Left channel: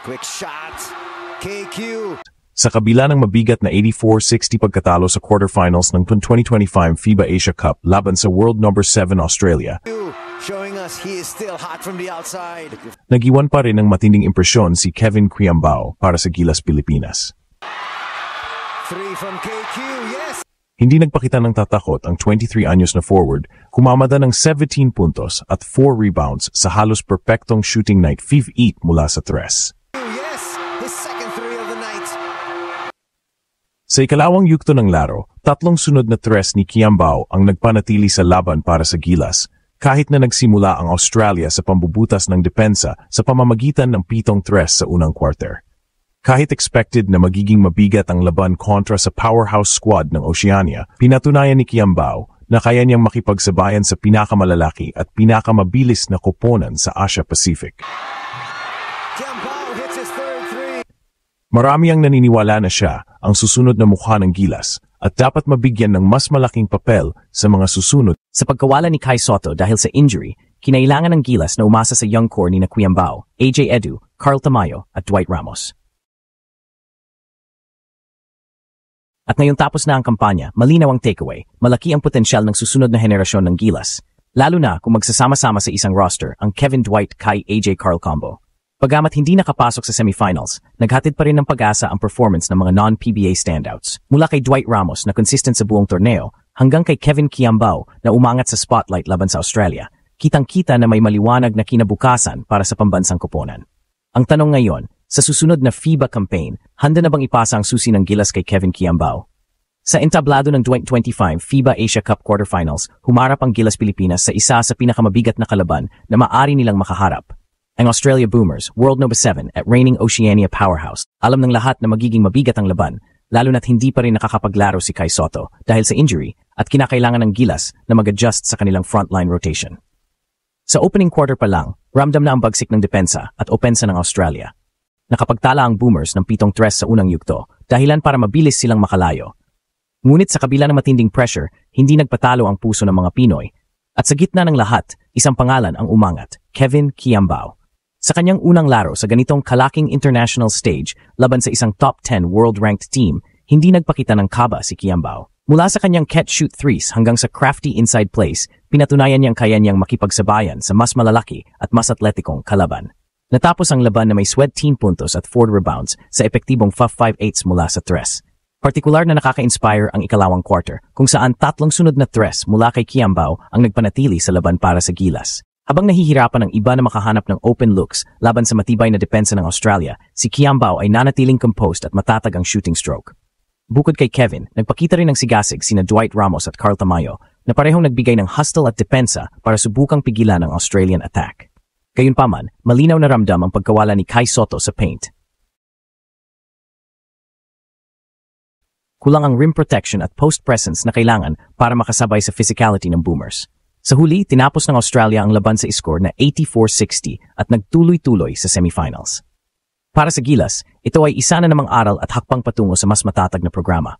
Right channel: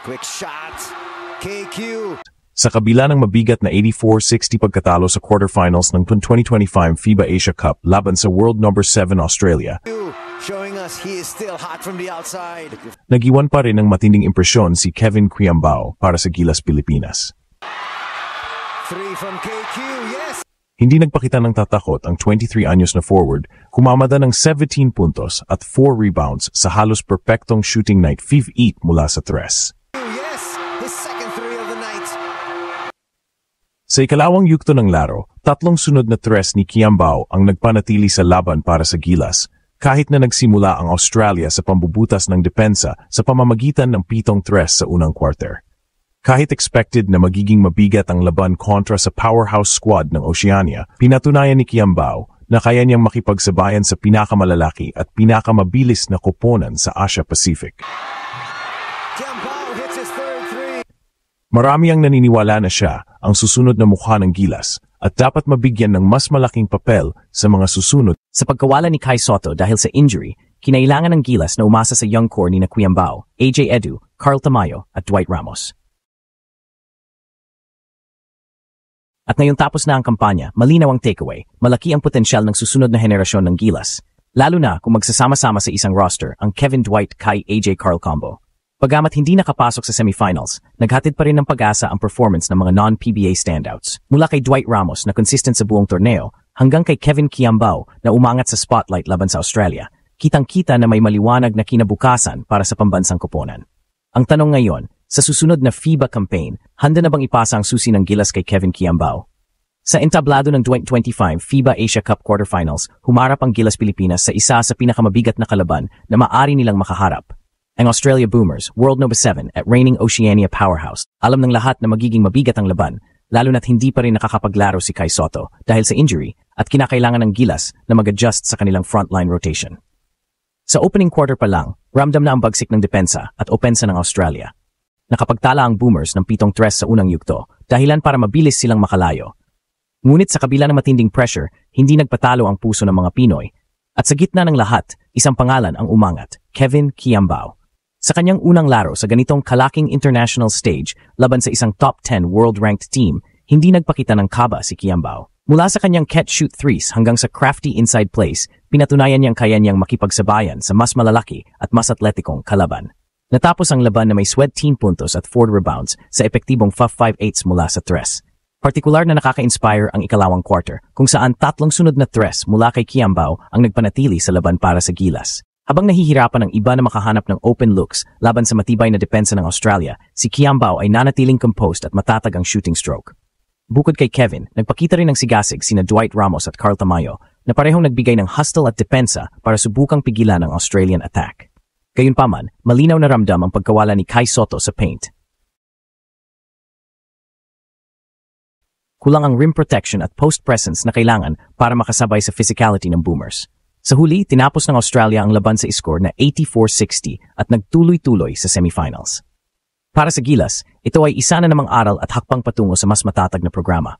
Quick shot. KQ. Sa kabila ng mabigat na 84-60 pagkatalo sa quarterfinals ng 2025 FIBA Asia Cup laban sa world number 7 Australia, Showing us he is still hot from the outside. nagiwan pa rin ng matinding impresyon si Kevin Quiambao para sa Gilas Pilipinas. 3 from KQ, yes! Hindi nagpakita ng tatakot ang 23 anyos na forward, kumamada ng 17 puntos at 4 rebounds sa halos perpektong shooting night 5-8 mula sa tres. Yes! His second 3 of the night. Sa ikalawang yugto ng laro, 3 sunod na tres ni Quiambao ang nagpanatili sa laban para sa Gilas, kahit na nagsimula ang Australia sa pambubutas ng depensa sa pamamagitan ng 7 tres sa unang quarter. Kahit expected na magiging mabigat ang laban kontra sa powerhouse squad ng Oceania, pinatunayan ni Quiambao na kaya niyang makipagsabayan sa pinakamalalaki at pinakamabilis na koponan sa Asia Pacific. Quiambao hits his third 3. Marami ang naniniwala na siya ang susunod na mukha ng Gilas at dapat mabigyan ng mas malaking papel sa mga susunod. Sa pagkawala ni Kai Sotto dahil sa injury, kinailangan ng Gilas na umasa sa young core ni Quiambao, AJ Edu, Carl Tamayo at Dwight Ramos. At ngayong tapos na ang kampanya, malinaw ang takeaway, malaki ang potensyal ng susunod na henerasyon ng Gilas, lalo na kung magsasama-sama sa isang roster ang Kevin Dwight Kai AJ Carl combo. Bagamat hindi nakapasok sa semifinals, naghatid pa rin ng pag-asa ang performance ng mga non-PBA standouts. Mula kay Dwight Ramos na consistent sa buong torneo, hanggang kay Kevin Quiambao na umangat sa spotlight laban sa Australia, kitang-kita na may maliwanag na kinabukasan para sa pambansang koponan. Ang tanong ngayon, sa susunod na FIBA campaign, handa na bang ipasa ang susi ng Gilas kay Kevin Quiambao? Sa entablado ng 2025 FIBA Asia Cup quarterfinals, humarap ang Gilas Pilipinas sa isa sa pinakamabigat na kalaban na maaari nilang makaharap. Ang Australia Boomers, world number 7 at reigning Oceania powerhouse. Alam ng lahat na magiging mabigat ang laban, lalo na't hindi pa rin nakakapaglaro si Kai Sotto dahil sa injury at kinakailangan ng Gilas na mag-adjust sa kanilang frontline rotation. Sa opening quarter pa lang, ramdam na ang bagsik ng depensa at opensa ng Australia. Nakapagtala ang Boomers ng 7 tres sa unang yugto, dahilan para mabilis silang makalayo. Ngunit sa kabila ng matinding pressure, hindi nagpatalo ang puso ng mga Pinoy. At sa gitna ng lahat, isang pangalan ang umangat, Kevin Quiambao. Sa kanyang unang laro sa ganitong kalaking international stage laban sa isang top 10 world-ranked team, hindi nagpakita ng kaba si Quiambao. Mula sa kanyang catch-shoot threes hanggang sa crafty inside plays, pinatunayan niyang kaya niyang makipagsabayan sa mas malalaki at mas atletikong kalaban. Natapos ang laban na may sweat team puntos at 4 rebounds sa epektibong 5-8 mula sa tres. Partikular na nakaka-inspire ang ikalawang quarter kung saan 3 sunod na tres mula kay Quiambao ang nagpanatili sa laban para sa Gilas. Habang nahihirapan ang iba na makahanap ng open looks laban sa matibay na depensa ng Australia, si Quiambao ay nanatiling composed at matatag ang shooting stroke. Bukod kay Kevin, nagpakita rin ng sigasig sina Dwight Ramos at Carl Tamayo na parehong nagbigay ng hustle at depensa para subukang pigilan ang Australian attack. Gayunpaman, malinaw na ramdam ang pagkawala ni Kai Sotto sa paint. Kulang ang rim protection at post presence na kailangan para makasabay sa physicality ng Boomers. Sa huli, tinapos ng Australia ang laban sa score na 84-60 at nagtuloy-tuloy sa semifinals. Para sa Gilas, ito ay isa na namang aral at hakbang patungo sa mas matatag na programa.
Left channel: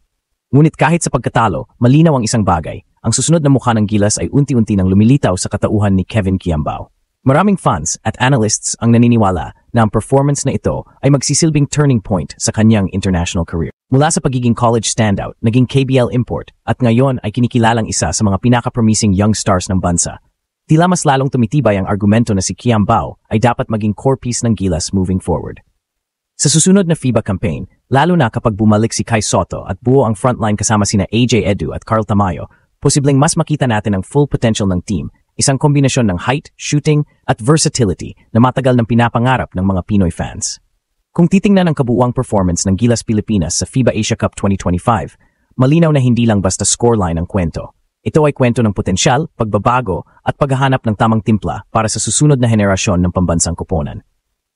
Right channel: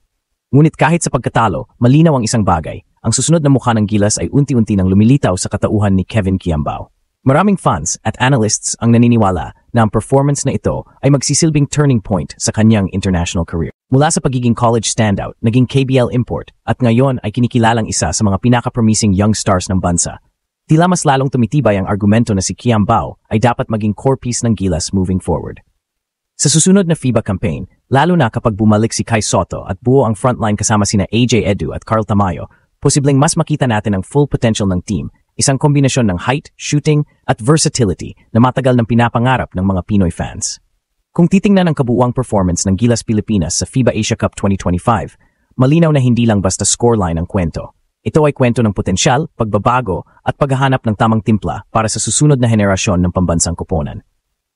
Ngunit kahit sa pagkatalo, malinaw ang isang bagay. Ang susunod na mukha ng Gilas ay unti-unti nang lumilitaw sa katauhan ni Kevin Quiambao. Maraming fans at analysts ang naniniwala na ang performance na ito ay magsisilbing turning point sa kanyang international career. Mula sa pagiging college standout, naging KBL import, at ngayon ay kinikilalang isa sa mga pinaka-promising young stars ng bansa. Tila mas lalong tumitibay ang argumento na si Quiambao ay dapat maging core piece ng Gilas moving forward. Sa susunod na FIBA campaign, lalo na kapag bumalik si Kai Sotto at buo ang frontline kasama sina AJ Edu at Carl Tamayo, posibleng mas makita natin ang full potential ng team, isang kombinasyon ng height, shooting, at versatility na matagal ng pinapangarap ng mga Pinoy fans. Kung titingnan ang kabuuang performance ng Gilas Pilipinas sa FIBA Asia Cup 2025, malinaw na hindi lang basta scoreline ang kwento. Ito ay kwento ng potensyal, pagbabago, at paghahanap ng tamang timpla para sa susunod na henerasyon ng pambansang koponan.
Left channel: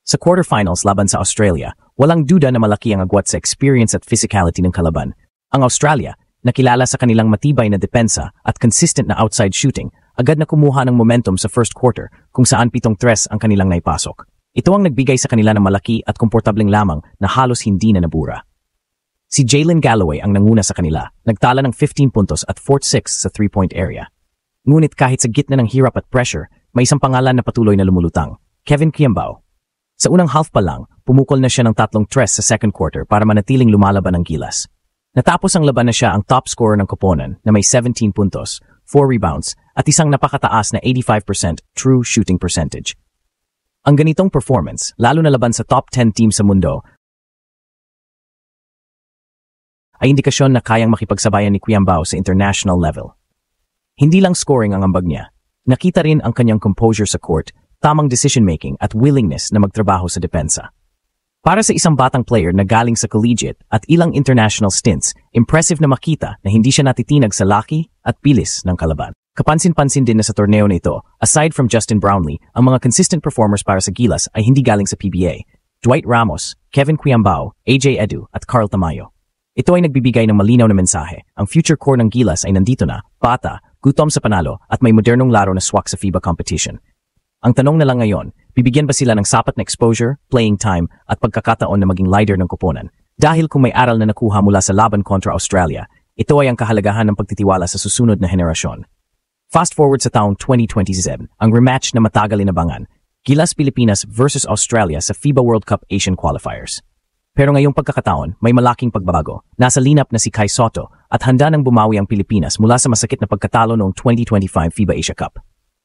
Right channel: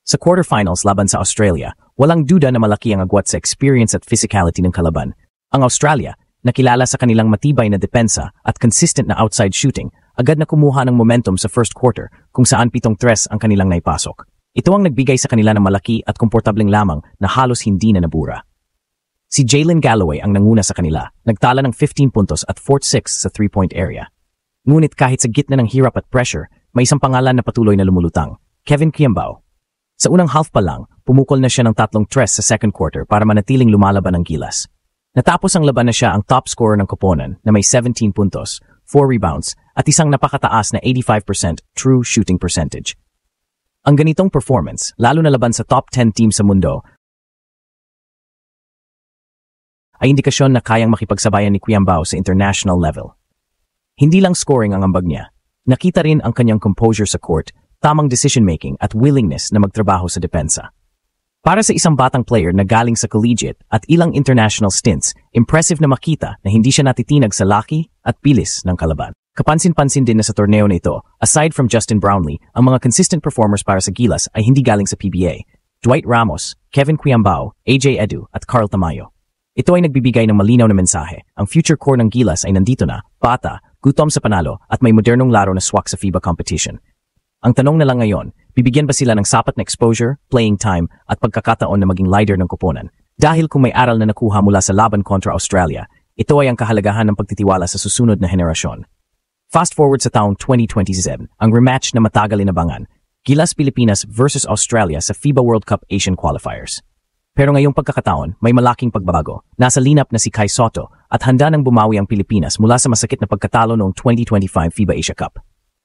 Sa quarterfinals laban sa Australia, walang duda na malaki ang agwat sa experience at physicality ng kalaban. Ang Australia, nakilala sa kanilang matibay na depensa at consistent na outside shooting, agad na kumuha ng momentum sa first quarter kung saan 7 tres ang kanilang naipasok. Ito ang nagbigay sa kanila ng malaki at komportableng lamang na halos hindi na nabura. Si Jalen Galloway ang nanguna sa kanila, nagtala ng 15 puntos at 4-6 sa 3-point area. Ngunit kahit sa gitna ng hirap at pressure, may isang pangalan na patuloy na lumulutang, Kevin Quiambao. Sa unang half pa lang, pumukol na siya ng 3 sa second quarter para manatiling lumalaban ng Gilas. Natapos ang laban na siya ang top scorer ng koponan na may 17 puntos, 4 rebounds at isang napakataas na 85% true shooting percentage. Ang ganitong performance, lalo na laban sa top 10 team sa mundo, ay indikasyon na kayang makipagsabayan ni Quiambao sa international level. Hindi lang scoring ang ambag niya, nakita rin ang kanyang composure sa court, tamang decision-making at willingness na magtrabaho sa depensa. Para sa isang batang player na galing sa collegiate at ilang international stints, impressive na makita na hindi siya natitinag sa laki at bilis ng kalaban. Kapansin-pansin din na sa torneo na ito, aside from Justin Brownlee, ang mga consistent performers para sa Gilas ay hindi galing sa PBA. Dwight Ramos, Kevin Quiambao, AJ Edu at Carl Tamayo. Ito ay nagbibigay ng malinaw na mensahe. Ang future core ng Gilas ay nandito na, bata, gutom sa panalo at may modernong laro na swak sa FIBA competition. Ang tanong na lang ngayon, bibigyan ba sila ng sapat na exposure, playing time, at pagkakataon na maging leader ng koponan? Dahil kung may aral na nakuha mula sa laban kontra Australia, ito ay ang kahalagahan ng pagtitiwala sa susunod na henerasyon. Fast forward sa taong 2027, ang rematch na matagal inabangan, Gilas Pilipinas versus Australia sa FIBA World Cup Asian Qualifiers. Pero ngayong pagkakataon, may malaking pagbabago. Nasa lineup na si Kai Sotto at handa nang bumawi ang Pilipinas mula sa masakit na pagkatalo noong 2025 FIBA Asia Cup.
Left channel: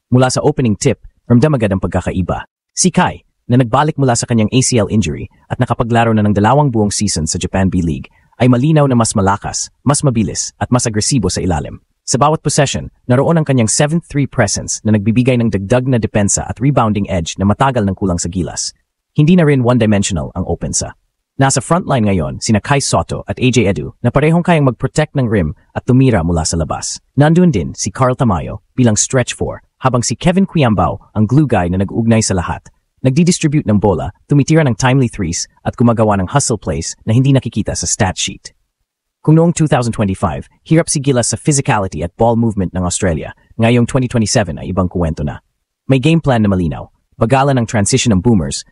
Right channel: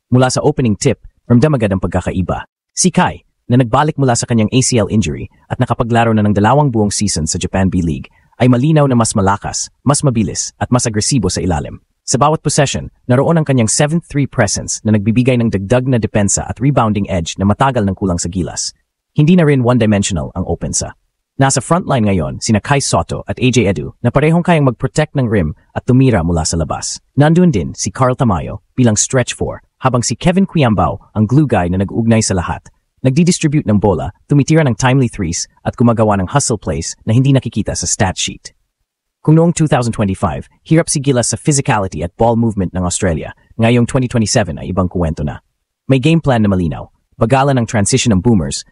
Mula sa opening tip, ramdam agad ang pagkakaiba. Si Kai, na nagbalik mula sa kanyang ACL injury at nakapaglaro na ng 2 buong season sa Japan B-League, ay malinaw na mas malakas, mas mabilis at mas agresibo sa ilalim. Sa bawat possession, naroon ang kanyang 7-3 presence na nagbibigay ng dagdag na depensa at rebounding edge na matagal ng kulang sa Gilas. Hindi na rin one-dimensional ang opensa. Nasa frontline ngayon sina Kai Sotto at AJ Edu na parehong kayang mag-protect ng rim at tumira mula sa labas. Nandun din si Carl Tamayo bilang stretch 4, habang si Kevin Quiambao ang glue guy na nag-uugnay sa lahat. Nagdi-distribute ng bola, tumitira ng timely threes at gumagawa ng hustle plays na hindi nakikita sa stat sheet. Kung noong 2025, hirap si Gilas sa physicality at ball movement ng Australia, ngayong 2027 ay ibang kuwento na. May game plan na malinaw, bagalan ang transition ng boomers,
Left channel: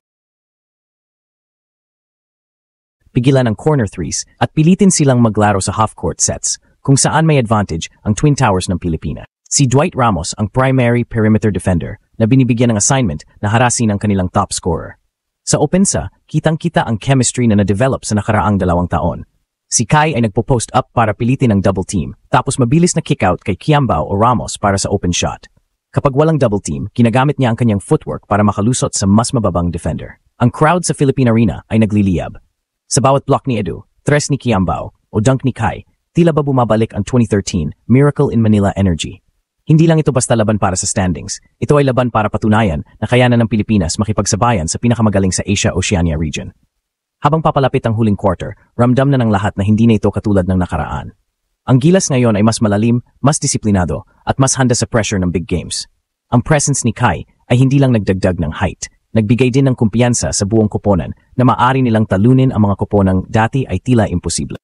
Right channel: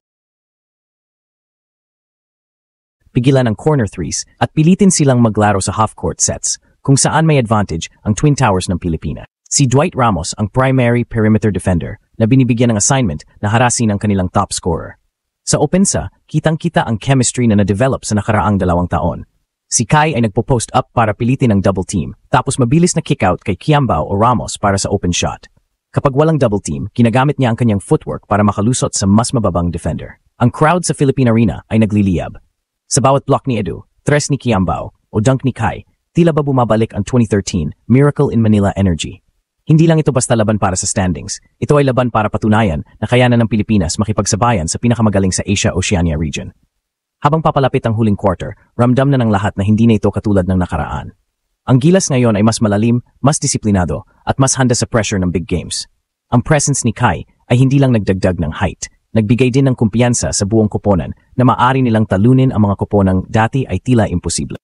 pigilan ng corner threes at pilitin silang maglaro sa half-court sets kung saan may advantage ang Twin Towers ng Pilipinas. Si Dwight Ramos ang primary perimeter defender na binibigyan ng assignment na harasin ang kanilang top scorer. Sa opensa, kitang-kita ang chemistry na na-develop sa nakaraang 2 taon. Si Kai ay nagpo-post up para pilitin ang double team, tapos mabilis na kick-out kay Quiambao o Ramos para sa open shot. Kapag walang double team, ginagamit niya ang kanyang footwork para makalusot sa mas mababang defender. Ang crowd sa Philippine Arena ay nagliliyab. Sa bawat block ni Edu, tres ni Quiambao o dunk ni Kai, tila ba bumabalik ang 2013 Miracle in Manila energy. Hindi lang ito basta laban para sa standings. Ito ay laban para patunayan na kayanan ng Pilipinas makipagsabayan sa pinakamagaling sa Asia-Oceania region. Habang papalapit ang huling quarter, ramdam na ng lahat na hindi na ito katulad ng nakaraan. Ang Gilas ngayon ay mas malalim, mas disiplinado, at mas handa sa pressure ng big games. Ang presence ni Kai ay hindi lang nagdagdag ng height. Nagbigay din ng kumpiyansa sa buong koponan na maaari nilang talunin ang mga koponang dati ay tila imposible.